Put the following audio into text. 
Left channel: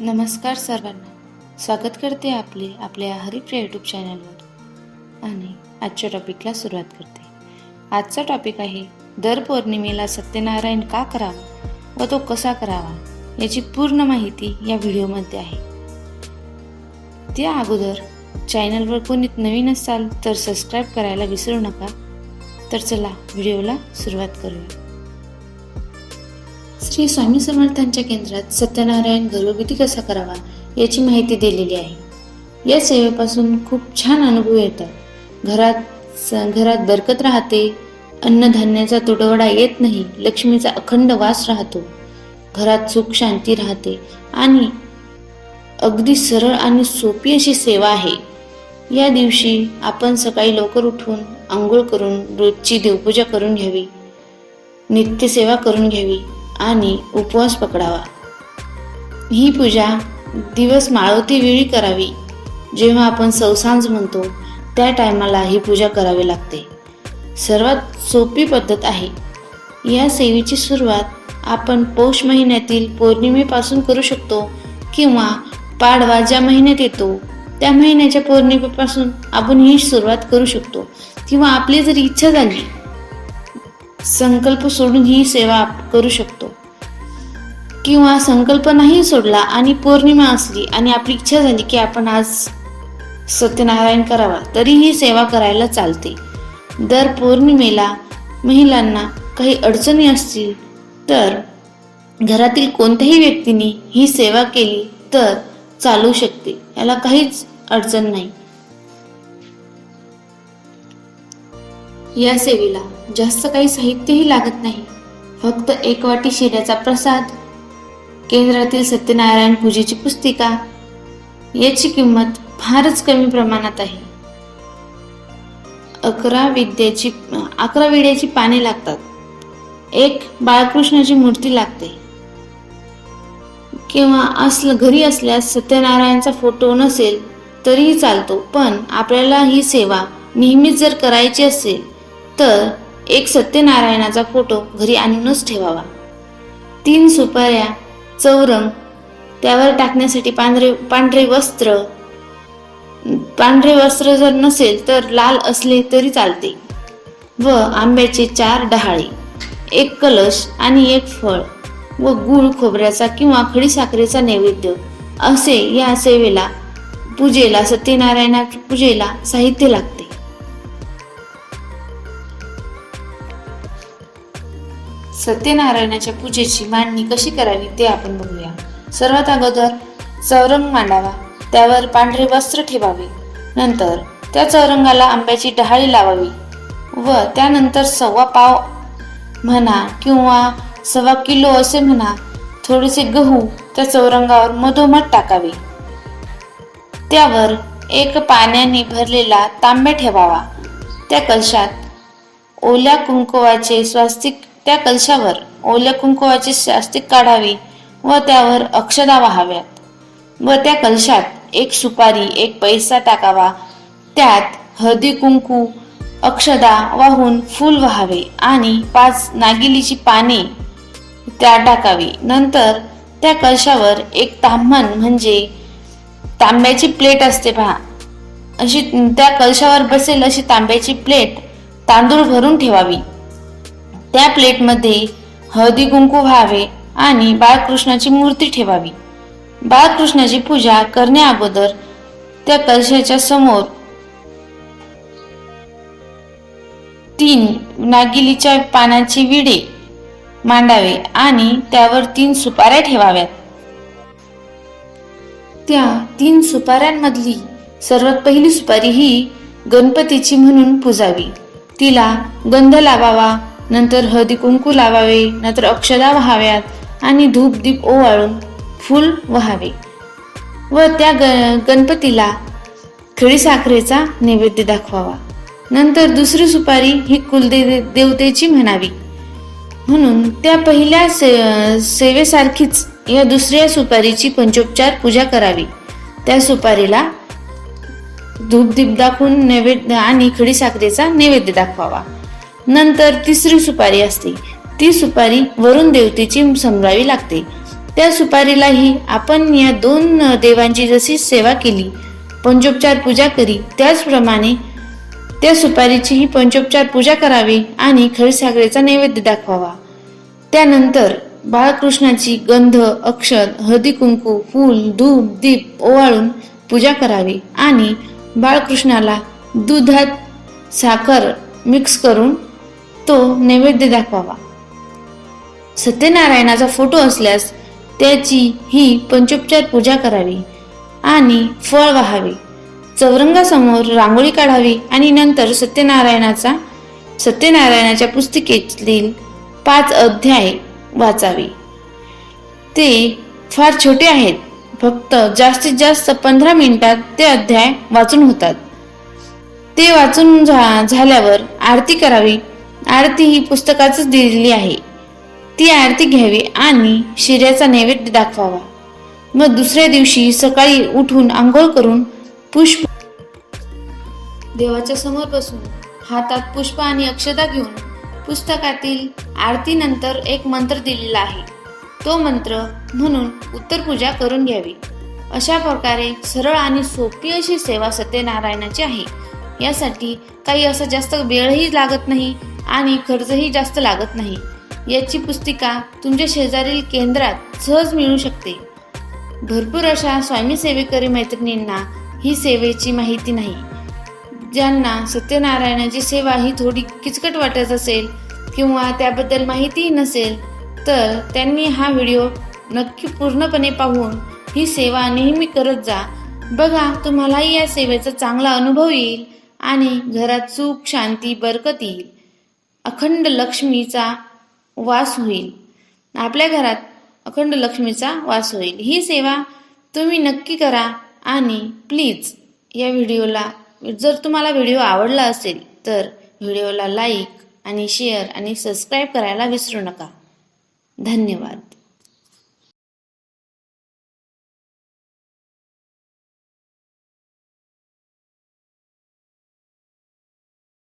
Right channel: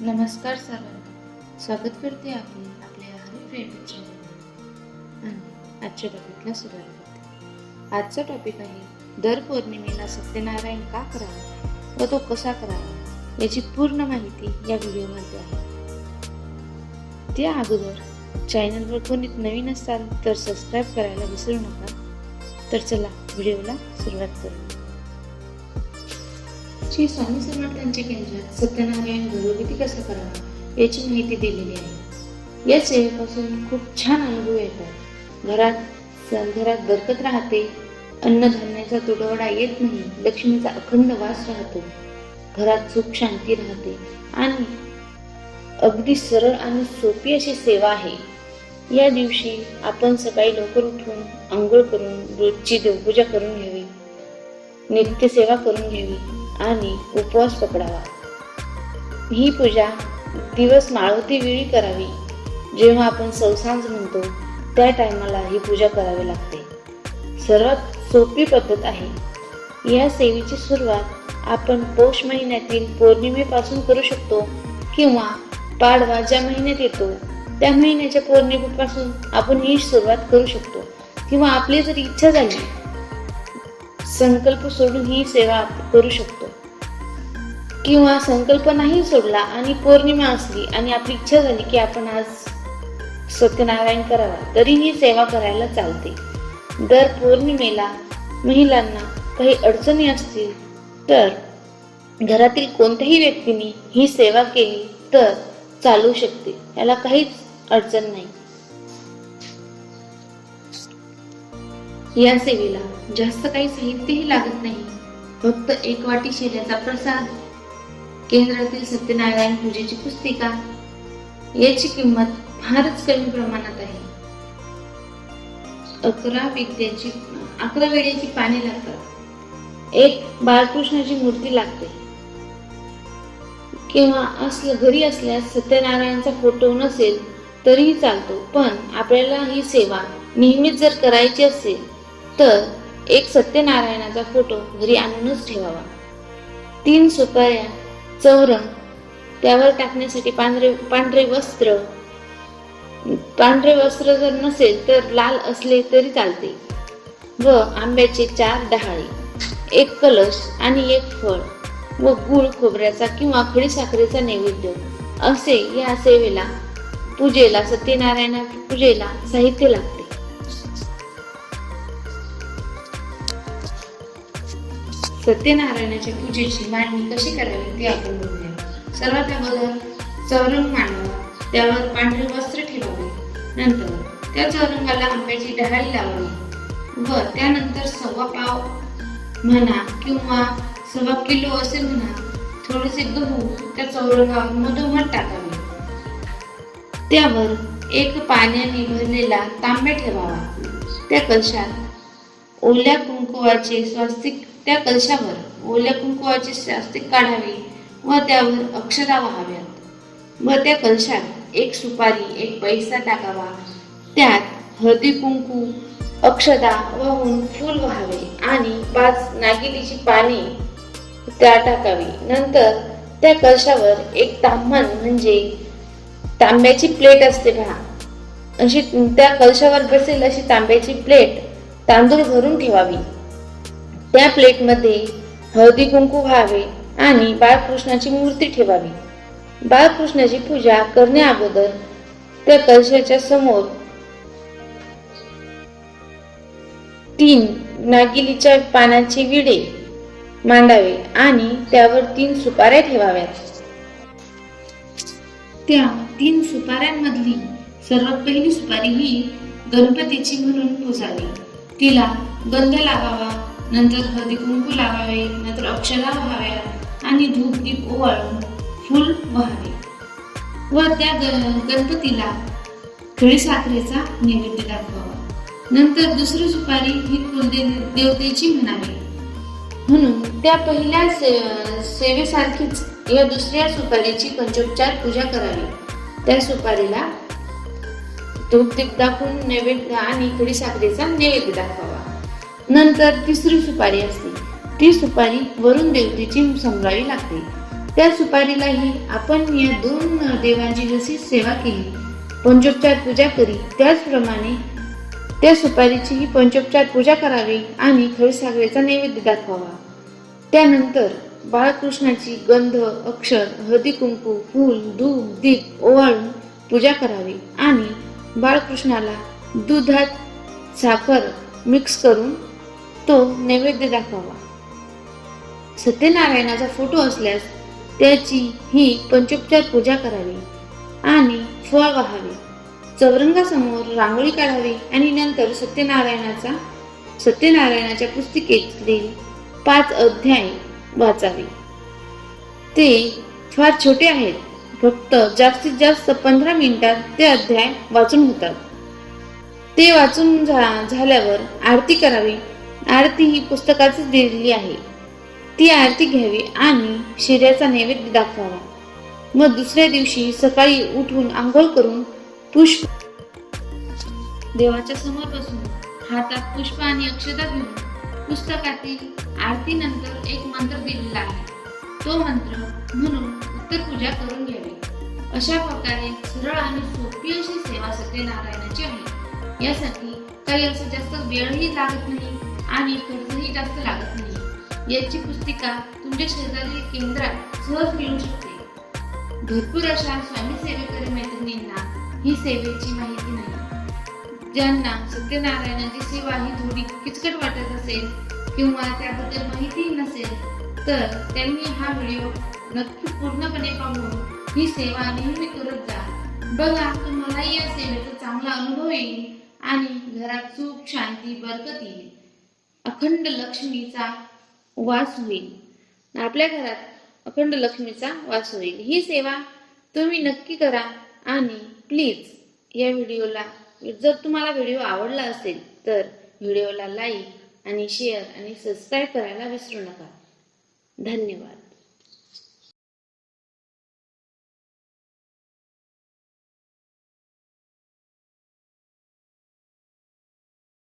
नमस्कार सर्वांना. स्वागत करते आपले आपल्या हरिप्रिया यूट्यूब चॅनलवर आणि आजच्या टॉपिकला सुरुवात करते. आजचा टॉपिक आहे दर पौर्णिमेला सत्यनारायण का करावा व तो कसा करावा याची पूर्ण माहिती या व्हिडिओमध्ये आहे. त्या अगोदर चॅनलवर कोणी नवीन असाल तर सबस्क्राईब करायला विसरू नका. तर चला व्हिडिओला सुरुवात करूया. श्री स्वामी समर्थांच्या केंद्रात सत्यनारायण घरोघरी कसा करावा याची माहिती दिलेली आहे. या सेवेपासून खूप छान अनुभव येतात. घरात स घरात बरकत राहते अन्नधान्याचा तुटवडा येत नाही लक्ष्मीचा अखंड वास राहतो. घरात सुख शांती राहते आणि अगदी सरळ आणि सोपी अशी सेवा आहे. या दिवशी आपण सकाळी लवकर उठून आंघोळ करून रोजची देवपूजा करून घ्यावी. नित्यसेवा करून घ्यावी. आणि उपवास पकडावा. ही पूजा दिवस माळवती वेळी करावी. जेव्हा आपण सौसांज म्हणतो त्या टायमाला ही पूजा करावी लागते. सर्वात सोपी पद्धत आहे. या सेवेची सुरुवात आपण पौष महिन्यातील पौर्णिमेपासून करू शकतो किंवा पाडवा ज्या महिन्यात येतो त्या महिन्याच्या पौर्णिमेपासून आपण ही सुरुवात करू शकतो. किंवा आपली जर इच्छा झाली संकल्प सोडून ही सेवा आप- करू शकतो. किंवा संकल्प नाही सोडला आणि पौर्णिमा असली आणि आपली इच्छा झाली की आपण आज सत्यनारायण करावा तरी ही सेवा करायला चालते. दर पौर्णिमेला महिलांना काही अडचणी असतील तर घरातील कोणत्याही व्यक्तीने ही सेवा केली तर चालू शकते याला काहीच अडचण नाही. या सेवेला जास्त काही साहित्यही लागत नाही. फक्त एक वाटी शेण्याचा प्रसाद केंद्रातील सत्यनारायण पूजेची पुस्तिका याची किंमत फारच कमी प्रमाणात आहे. अकरा विद्याची अकरा वेड्याची पाने लागतात. एक बाळकृष्णाची मूर्ती लागते. किंवा असलं घरी असल्यास सत्यनारायणचा फोटो नसेल तरीही चालतो पण आपल्याला ही सेवा नेहमीच जर करायची असेल तर एक सत्यनारायणाचा फोटो घरी आणूनच ठेवावा. तीन सुपाऱ्या चौरंग त्यावर टाकण्यासाठी पांढरे पांढरे वस्त्र. पांढरे वस्त्र जर नसेल तर लाल असले तरी चालते. व आंब्याचे चार डहाळे एक कलश आणि एक फळ व गुळ खोबऱ्याचा किंवा खडीसाखरेचा नैवेद्य असे या सेवेला पूजेला सत्यनारायणा पूजेला साहित्य लागते. सत्यनारायणाच्या पूजेची मांडणी कशी करावी ते आपण बघूया. सर्वात अगोदर चौरंग मांडावा. त्यावर पांढरे वस्त्र ठेवावे. नंतर त्या चौरंगाला आंब्याची डहाळी लावावी व त्यानंतर सव्वा पाव म्हणा किंवा सव्वा किलो असे म्हणा थोडेसे गहू त्या चौरंगावर मधोमध टाकावे. त्यावर एक पाण्याने भरलेला तांबे ठेवावा. त्या कलशात ओल्या कुंकुवाचे स्वास्तिक त्या कलशावर ओल्या कुंकुवाचे स्वास्तिक काढावे व त्यावर अक्षदा वाहाव्यात. व त्या कलशात एक सुपारी एक पैसा टाकावा. त्यात हळदी कुंकू अक्षदा वाहून फूल व्हावे आणि पाच नागिलीची पाने त्या टाकावी. नंतर त्या कलशावर एक ताम्हण म्हणजे तांब्याची प्लेट असते पहा. अशी त्या कलशावर बसेल अशी तांब्याची प्लेट तांदूळ भरून ठेवावी. त्या प्लेटमध्ये हळदी कुंकू व्हावे आणि बाळकृष्णाची मूर्ती ठेवावी. बाळकृष्णाची पूजा करण्या अगोदर त्या कलशाच्या समोर तीन नागिलीच्या पानाची विडे मांडावे आणि त्यावर तीन सुपाऱ्या ठेवाव्यात. त्या तीन सुपाऱ्यांमधली सर्वात पहिली सुपारी ही गणपतीची म्हणून पुजावी. तिला गंध लावावा नंतर हळदी कुंकू लावावे नंतर अक्षदा व्हाव्यात आणि धूप दीप ओवाळून फूल व्हावे. व त्या ग गणपतीला खडीसाखरेचा नैवेद्य दाखवावा. नंतर दुसरी सुपारी ही कुलदे देवतेची म्हणावी. म्हणून त्या पहिल्या से सेवेसारखीच या दुसऱ्या सुपारीची पंचोपचार पूजा करावी. त्या सुपारीला धूपदीप दाखवून नैवेद्य आणि खडीसाखरेचा नैवेद्य दाखवावा. नंतर तिसरी सुपारी असते. ती सुपारी वरुण देवतेची समजावी लागते. त्या सुपारीलाही आपण या दोन देवांची जशी सेवा केली पंचोपचार पूजा करी त्याचप्रमाणे त्या सुपारीचीही पंचोपचार पूजा करावी आणि खडीसाखरेचा नैवेद्य दाखवावा. त्यानंतर बाळकृष्णाची गंध अक्षर हळदी कुंकू फूल धूप दीप ओवाळून पूजा करावी आणि बाळकृष्णाला दुधात साखर मिक्स करून तो नैवेद्य दाखवावा. सत्यनारायणाचा फोटो असल्यास त्याची ही पंचोपचार पूजा करावी आणि फळ वाहावे. चौरंगासमोर रांगोळी काढावी आणि नंतर सत्यनारायणाचा सत्यनारायणाच्या पुस्तिकेतील पाच अध्याय वाचावे. ते फार छोटे आहेत. फक्त जास्तीत जास्त पंधरा मिनिटात ते अध्याय वाचून होतात. ते वाचून झा झाल्यावर आरती करावी. आरती ही पुस्तकातच दिलेली आहे. ती आरती घ्यावी आणि शिऱ्याचा नैवेद्य दाखवावा. मग दुसऱ्या दिवशी सकाळी उठून आंघोळ करून पुष्प देवाच्या समोर बसून हातात पुष्प आणि अक्षता घेऊन पुस्तकातील आरतीनंतर एक मंत्र दिलेला आहे. तो मंत्र म्हणून उत्तर पूजा करून घ्यावी. अशा प्रकारे सरळ आणि सोपी अशी सेवा सत्यनारायणाची आहे. यासाठी काही असं जास्त वेळही लागत नाही. आणि खर्चही जास्त लागत नाही. याची पुस्तिका तुमच्या शेजारील केंद्रात सहज मिळू शकते. भरपूर अशा स्वामी सेवेकरी मैत्रिणींना ही सेवेची माहिती नाही. ज्यांना सत्यनारायणाची सेवा ही थोडी किचकट वाटत असेल किंवा त्याबद्दल माहितीही नसेल तर त्यांनी हा व्हिडिओ नक्की पूर्णपणे पाहून ही सेवा नेहमी करत जा. बघा तुम्हालाही या सेवेचा चांगला अनुभव येईल आणि घरात सुख शांती बरकत येईल. अखंड लक्ष्मीचा वास होईल. आपल्या घरात अखंड लक्ष्मीचा वास होईल. ही सेवा तुम्ही नक्की करा आणि प्लीज या व्हिडिओला जर तुम्हाला व्हिडिओ आवडला असेल तर व्हिडिओला लाईक आणि शेअर आणि सबस्क्राईब करायला विसरू नका. धन्यवाद.